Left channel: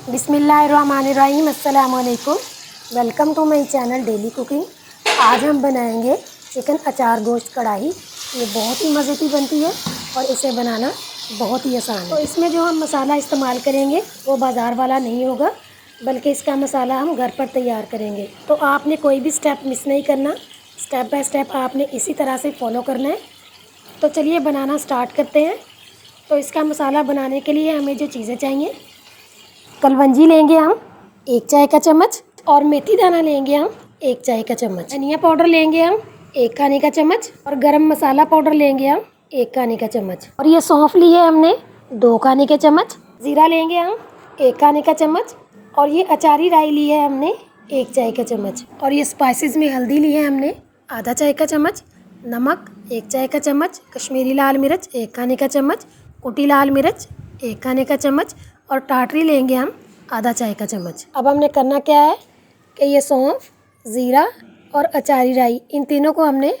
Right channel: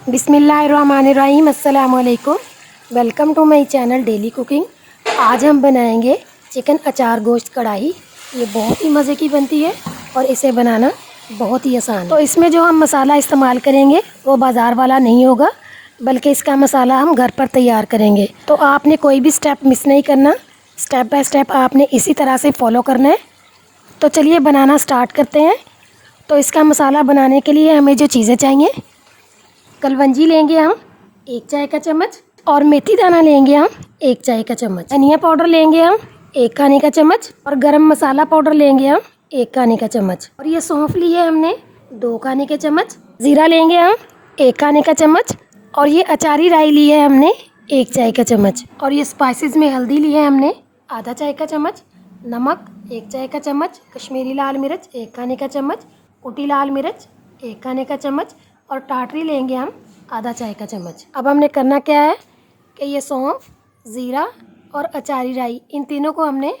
बिस्मिल्लाहिर्रहमानिर्रहीम। अस्सलाम वालेकुम। Welcome to my channel daily cooking. आज हम बनाएंगे चिकन अचार गोश्त कढ़ाई। ये बहुत ही मज़े की बनती है और इसे बनाना बहुत ही आसान है। तो इसमें जो हम मसाला इस्तेमाल करेंगे वो बाज़ार वाला नहीं होगा, बल्कि इसका मसाला हम घर पर तैयार करेंगे। तो आपने कोई भी स्टेप मिस नहीं करना, स्टेप बाय स्टेप आपने इसी तरह से फॉलो करना है। तो चलिए बनाना स्टार्ट करते हैं। तो इसका मसाला बनाने के लिए हमें जो चीज़ें चाहिए, कलवंजी लेंगे हम 1 चाय का चम्मच, और मेथी दाना लेंगे हम 1 चाय का चम्मच, धनिया पाउडर लेंगे हम 1 खाने का चम्मच, और गरम मसाला पाउडर लेंगे हम 1 खाने का चम्मच, और ये सौंफ ली है हमने 2 खाने के चम्मच, जीरा लेंगे हम 1 खाने का चम्मच, और ये अचारी राई ली है हमने 1 चाय का चम्मच, और ये स्पाइसेस में हल्दी ली है हमने आधा चाय का चम्मच, नमक 1 चाय का चम्मच, कश्मीरी लाल मिर्च 1 खाने का चम्मच, कुटी लाल मिर्च 1 खाने का चम्मच, और टाटरी लेंगे हम आधा चाय का चम्मच। अब हमने करना क्या है कि ये सौंफ, ज़ीरा और अचारी राई, इन तीनों को हमने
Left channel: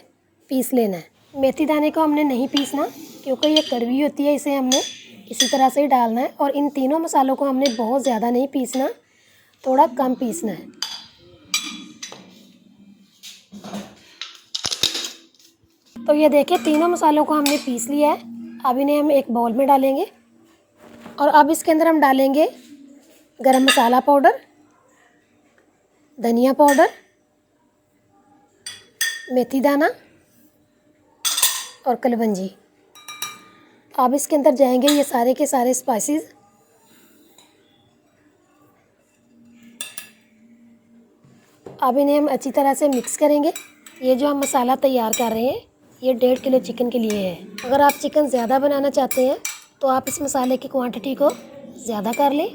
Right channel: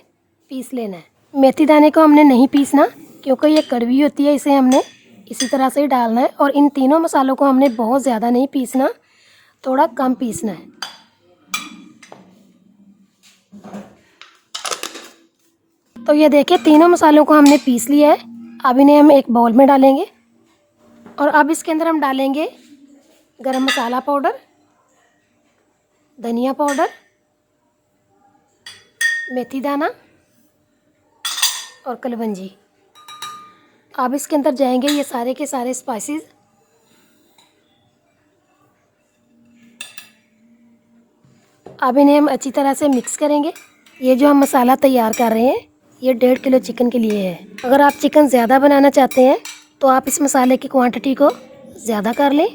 पीस लेना है। मेथी दाने को हमने नहीं पीसना क्योंकि ये कड़वी होती है, इसे हमने इसी तरह से ही डालना है। और इन तीनों मसालों को हमने बहुत ज़्यादा नहीं पीसना, थोड़ा कम पीसना है। तो ये देखिए तीनों मसालों को हमने पीस लिया है। अब इन्हें हम एक बाउल में डालेंगे, और अब इसके अंदर हम डालेंगे गरम मसाला पाउडर, धनिया पाउडर, मेथी दाना और कलवंजी। अब इसके अंदर जाएंगे ये सारे के सारे स्पाइसेस। अब इन्हें हम अच्छी तरह से मिक्स करेंगे। ये जो हम मसाला तैयार कर रहे हैं ये 1.5 किलो चिकन के लिए है। अगर आप चिकन ज़्यादा बनाना चाहते हैं तो आप इस मसाले की क्वांटिटी को ज़्यादा कर लें,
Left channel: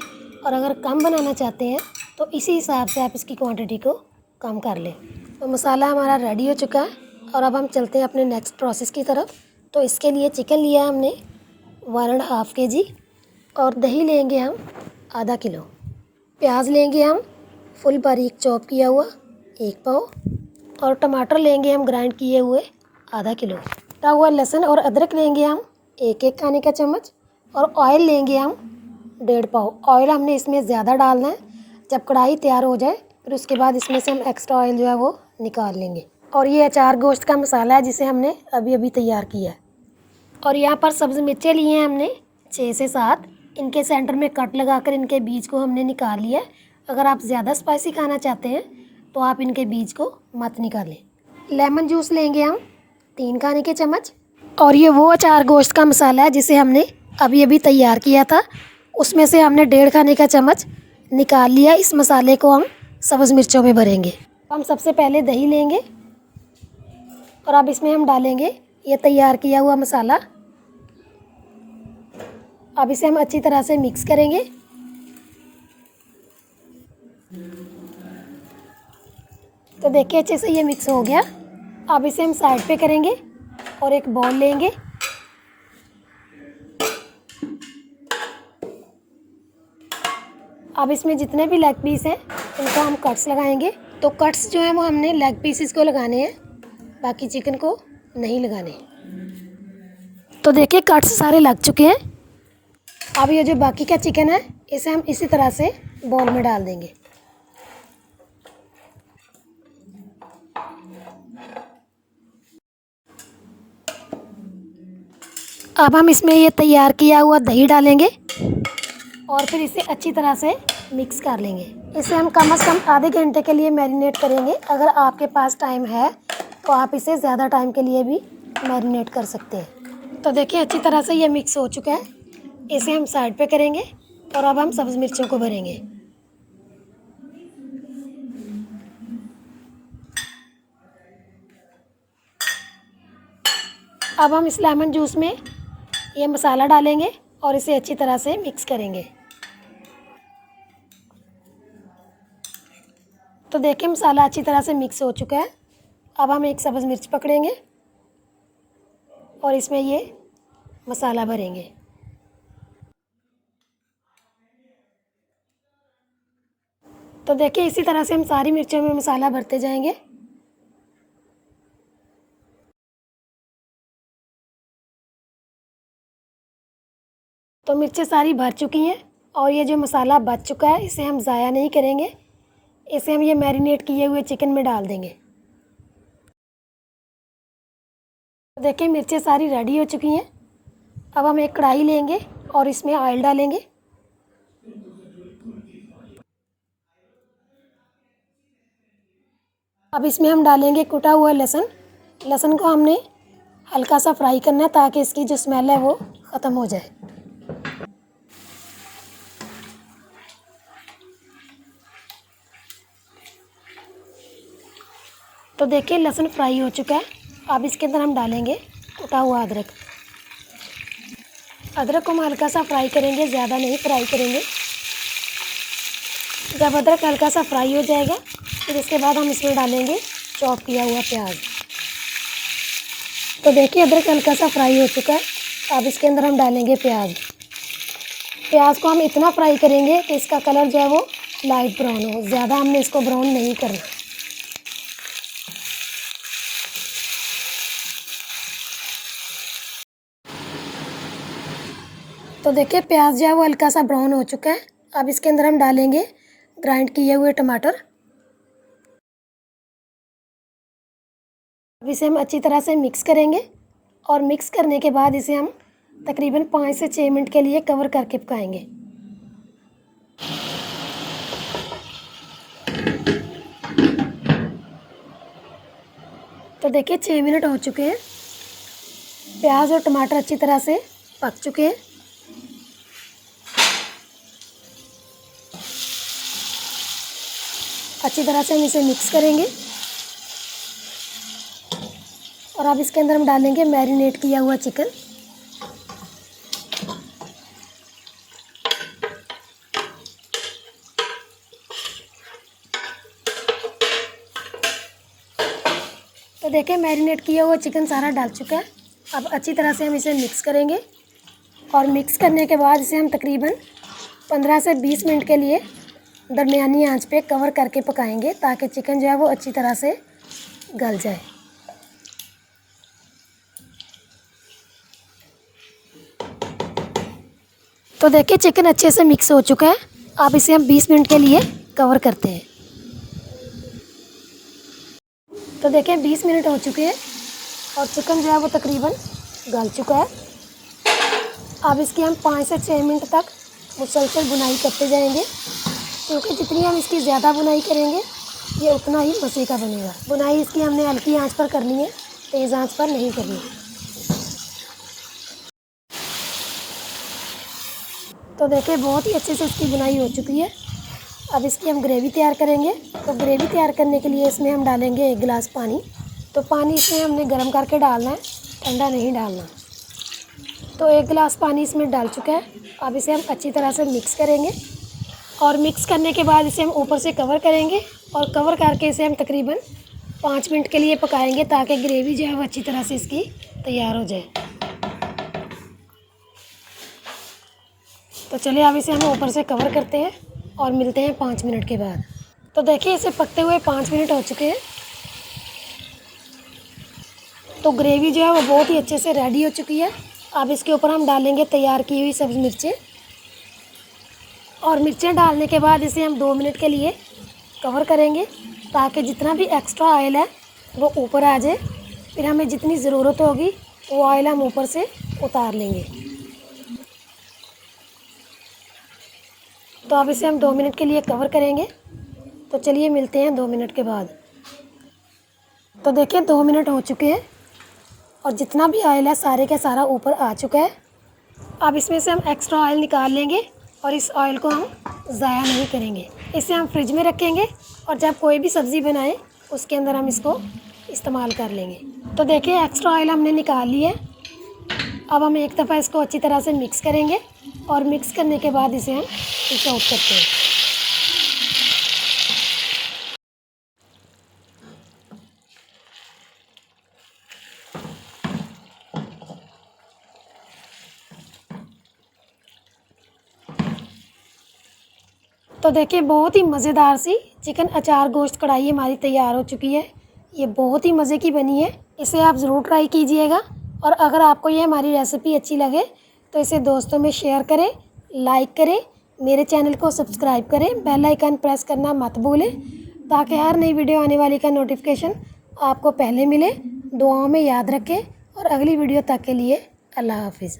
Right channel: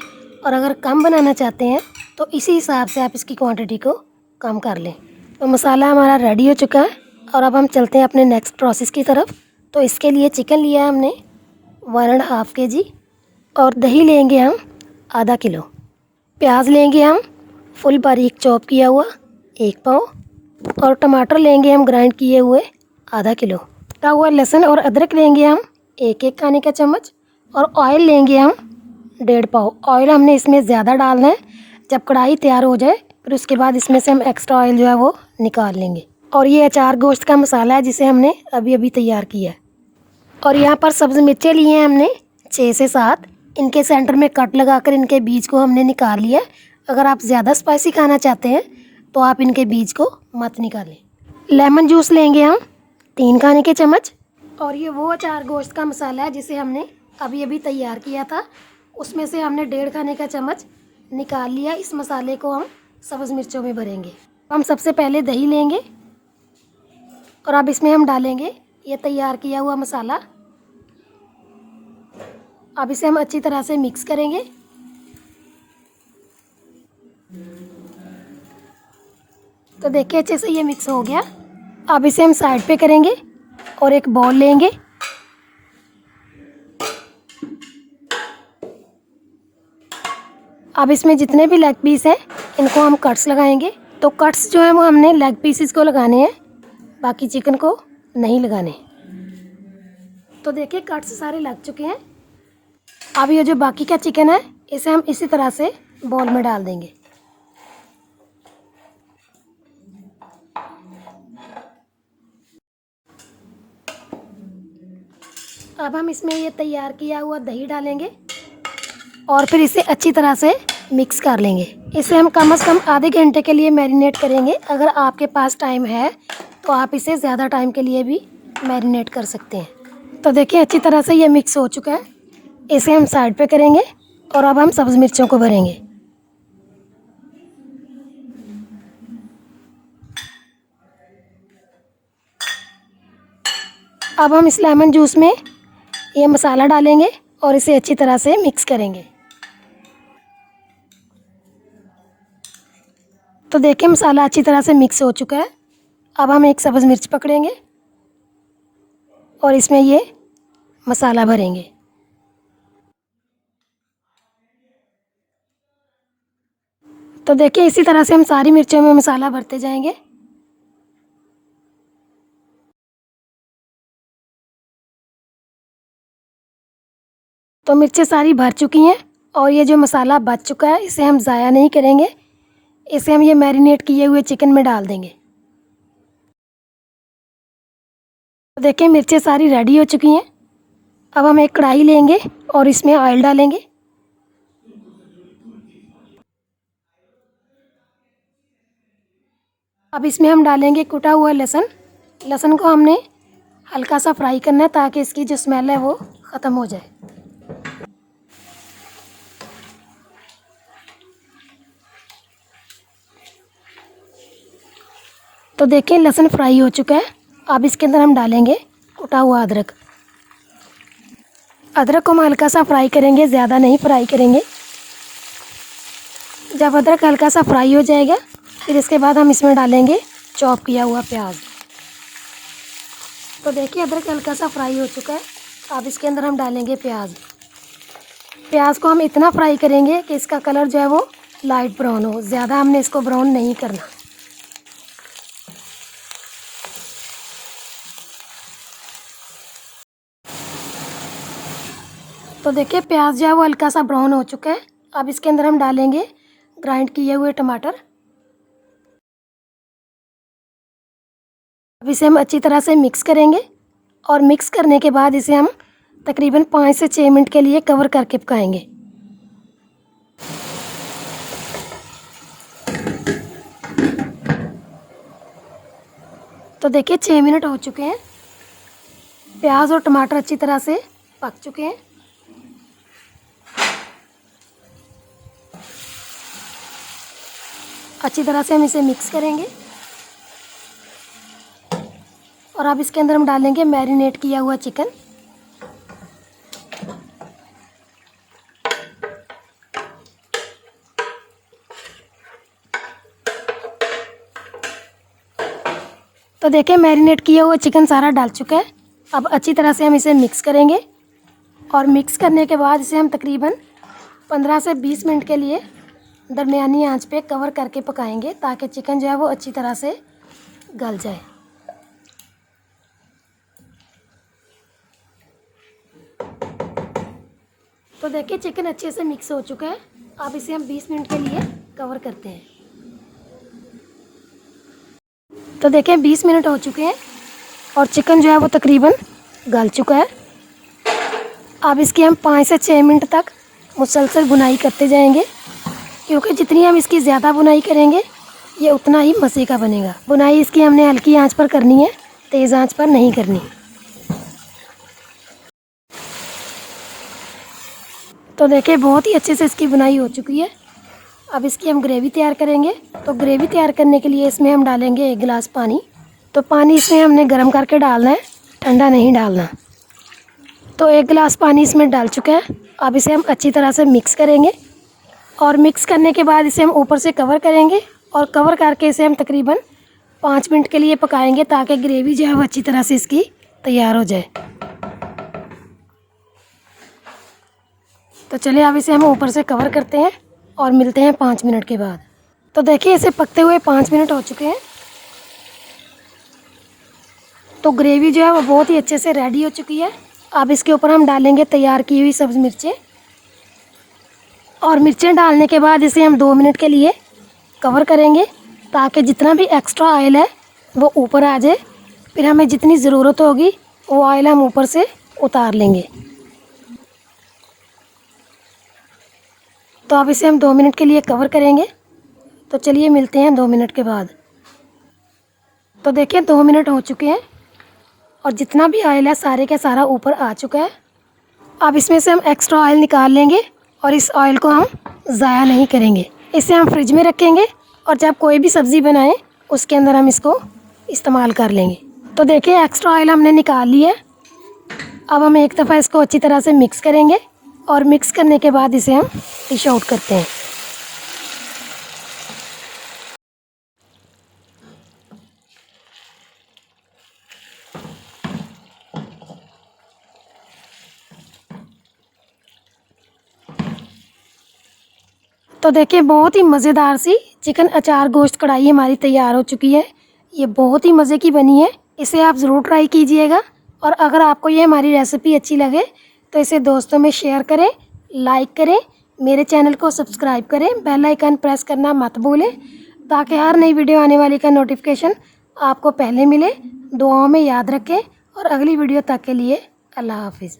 और अगर कम बनाना चाहते हैं तो इसी हिसाब से आप इसकी क्वांटिटी को कम कर लें। तो मसाला हमारा रेडी हो चुका है, और अब हम चलते हैं अपने नेक्स्ट प्रोसेस की तरफ। तो इसके लिए चिकन लिया है हमने 1.5 kg, और दही लेंगे हम आधा किलो, प्याज लेंगे हम फुल बारीक चॉप किया हुआ 1 पाव, और टमाटर लेंगे हम ग्राइंड किए हुए आधा किलो, कटा हुआ लहसुन और अदरक लेंगे हम 1 खाने का चम्मच, और ऑयल लेंगे हम 1.5 पाव। ऑयल हमने इसमें ज़्यादा डालना है, जब कढ़ाई तैयार हो जाए फिर उसके बाद इसमें से हम एक्स्ट्रा ऑयल जो है वो निकाल लेंगे। और ये अचार गोश्त का मसाला है जिसे हमने अभी अभी तैयार किया है। और यहाँ पर सब्ज़ मिर्चें लिए हैं हमने 6 से 7, इनके सेंटर में कट लगाकर इनके बीज को हमने निकाल लिया है। अगर आप ज़्यादा स्पाइसी खाना चाहते हैं तो आप इनके बीज को मत निकालें। लेमन जूस लेंगे हम 3 खाने के चम्मच, और ये वो अचार गोश्त का मसाला है जिसे हमने अभी अभी तैयार किया था, उसमें से हमने 1.5 खाने का चम्मच निकाल लिया। इस मसाले को हम सब्ज़ मिर्चों में भरेंगे। हम सबसे पहले दही लेंगे, और अब इसमें हम डालेंगे ये तैयार किया हुआ मसाला। अब इसे हम अच्छी तरह से मिक्स करेंगे। तो देखिए अच्छे से ये मिक्स हो गया। अब इसे हम साइड पे करेंगे और एक बॉल लेंगे। अब इसमें जितने भी लेग पीस हैं इनको हम कट्स लगाएंगे। तो कट्स जो है वो हमने लेग पीसेस को लगाने हैं, बाकी चिकन को नहीं लगाने। तो देखिए कट्स सारे लग चुके हैं। अब ये जो बाकी का चिकन है इसे हम इसी तरह से बॉल में डाल देंगे। अब हम इसमें ये तैयार किया हुआ दही डालेंगे, और फिर इसे अच्छी तरह से मिक्स कर लेंगे। इसे हम कम से कम आधे घंटे के लिए मैरिनेट करेंगे। अगर आपके पास टाइम है तो आप इसे ज़्यादा टाइम के लिए भी मैरिनेट कर सकते हैं। तो देखिए अच्छी तरह से ये मिक्स हो चुका है। इसे हम साइड पे करेंगे, और अब हम सब्ज़ मिर्चों को भरेंगे। अब हम इस लेमन जूस में ये मसाला डालेंगे और इसे अच्छी तरह से मिक्स करेंगे। तो देखिए मसाला अच्छी तरह से मिक्स हो चुका है। अब हम एक सब्ज़ मिर्च पकड़ेंगे और इसमें ये मसाला भरेंगे। तो देखिए इसी तरह से हम सारी मिर्चों में मसाला भरते जाएंगे। तो मिर्चें सारी भर चुकी हैं, और ये जो मसाला बच चुका है इसे हम ज़ाया नहीं करेंगे, इसे हम ये मैरिनेट किए हुए चिकन में डाल देंगे। तो देखिए मिर्चें सारी रेडी हो चुकी हैं। अब हम एक कढ़ाई लेंगे और इसमें ऑयल डालेंगे। अब इसमें हम डालेंगे कुटा हुआ लहसुन। लहसुन को हमने हल्का सा फ्राई करना है ताकि इसकी जो स्मेल है वो ख़त्म हो जाए। तो देखिए लहसुन फ्राई हो चुका है। अब इसके अंदर हम डालेंगे कुटा हुआ अदरक। अदरक को हम हल्का सा फ्राई करेंगे, ज़्यादा नहीं फ्राई करेंगे। जब अदरक हल्का सा फ्राई हो जाएगा फिर इसके बाद हम इसमें डालेंगे चॉप किया हुआ प्याज। तो देखिए अदरक हल्का सा फ्राई हो चुका है। अब इसके अंदर हम डालेंगे प्याज। प्याज को हम इतना फ्राई करेंगे कि इसका कलर जो है वो लाइट ब्राउन हो, ज़्यादा हमने इसको ब्राउन नहीं करना। तो देखिए प्याज जो है वो हल्का सा ब्राउन हो चुका है। अब इसके अंदर हम डालेंगे ग्राइंड किए हुए टमाटर। अब इसे हम अच्छी तरह से मिक्स करेंगे और मिक्स करने के बाद इसे हम तकरीबन 5 से 6 मिनट के लिए कवर करके पकाएंगे। तो देखिए 6 मिनट हो चुके हैं। प्याज और टमाटर अच्छी तरह से पक चुके हैं। अच्छी तरह से हम इसे मिक्स करेंगे और अब इसके अंदर हम डालेंगे मैरिनेट किया हुआ चिकन। तो देखिए मैरिनेट किया हुआ चिकन सारा डाल चुका है। अब अच्छी तरह से हम इसे मिक्स करेंगे और मिक्स करने के बाद इसे हम तकरीबन 15 से 20 मिनट के लिए दरमियानी आंच पे कवर करके पकाएंगे ताकि चिकन जो है वो अच्छी तरह से गल जाए। तो देखिए चिकन अच्छे से मिक्स हो चुका है। अब इसे हम 20 मिनट के लिए कवर करते हैं। तो देखिए 20 मिनट हो चुके हैं और चिकन जो है वो तकरीबन गल चुका है। अब इसकी हम 5 से 6 मिनट तक मुसलसल बुनाई करते जाएंगे, क्योंकि जितनी हम इसकी ज़्यादा बुनाई करेंगे ये उतना ही मज़े का बनेगा। बुनाई इसकी हमने हल्की आंच पर करनी है, तेज़ आंच पर नहीं करनी। तो देखिए बहुत ही अच्छे से इसकी बुनाई हो चुकी है। अब इसकी हम ग्रेवी तैयार करेंगे। तो ग्रेवी तैयार करने के लिए इसमें हम डालेंगे 1 गिलास पानी। तो पानी इसमें हमने गर्म करके डालना है, ठंडा नहीं डालना। तो 1 गिलास पानी इसमें डाल चुका है। अब इसे हम अच्छी तरह से मिक्स करेंगे और मिक्स करने के बाद इसे हम ऊपर से कवर करेंगे और कवर करके इसे हम तकरीबन 5 मिनट के लिए पकाएंगे ताकि ग्रेवी जो है वो अच्छी तरह से इसकी तैयार हो जाए। तो चलिए अब इसे हम ऊपर से कवर करते हैं और मिलते हैं 5 मिनट के बाद। तो देखिए इसे पकते हुए 5 मिनट हो चुके हैं। तो ग्रेवी जो है वो बहुत ही अच्छे से रेडी हो चुकी है। अब इसके ऊपर हम डालेंगे तैयार की हुई सब्ज़ मिर्चें और मिर्चें डालने के बाद इसे हम 2 मिनट के लिए कवर करेंगे ताकि जितना भी एक्स्ट्रा ऑयल है वो ऊपर आ जाए। फिर हमें जितनी ज़रूरत होगी वो ऑयल हम ऊपर से उतार लेंगे। तो अब इसे हम 2 मिनट के लिए कवर करेंगे। तो चलिए मिलते हैं 2 मिनट के बाद। तो देखिए 2 मिनट हो चुके हैं और जितना भी ऑयल है सारे का सारा ऊपर आ चुका है। अब इसमें से हम एक्स्ट्रा ऑयल निकाल लेंगे और इस ऑयल को हम ज़ाया नहीं करेंगे। इसे हम फ्रिज में रखेंगे और जब कोई भी सब्ज़ी बनाएं उसके अंदर हम इसको इस्तेमाल कर लेंगे। तो देखिए एक्स्ट्रा ऑयल हमने निकाल लिया है। अब हम एक दफ़ा इसको अच्छी तरह से मिक्स करेंगे और मिक्स करने के बाद इसे हम डिश आउट करते हैं। तो देखिए बहुत ही मज़ेदार सी चिकन अचार गोश्त कढ़ाई हमारी तैयार हो चुकी है। ये बहुत ही मज़े की बनी है। इसे आप ज़रूर ट्राई कीजिएगा और अगर आपको ये हमारी रेसिपी अच्छी लगे तो इसे दोस्तों में शेयर करें, लाइक करें मेरे चैनल को सब्सक्राइब करें, बेल आइकन प्रेस करना मत भूलें ताकि हर नई वीडियो आने वाली का नोटिफिकेशन आपको पहले मिले। दुआओं में याद रखें और अगली वीडियो तक के लिए अल्लाह हाफिज़।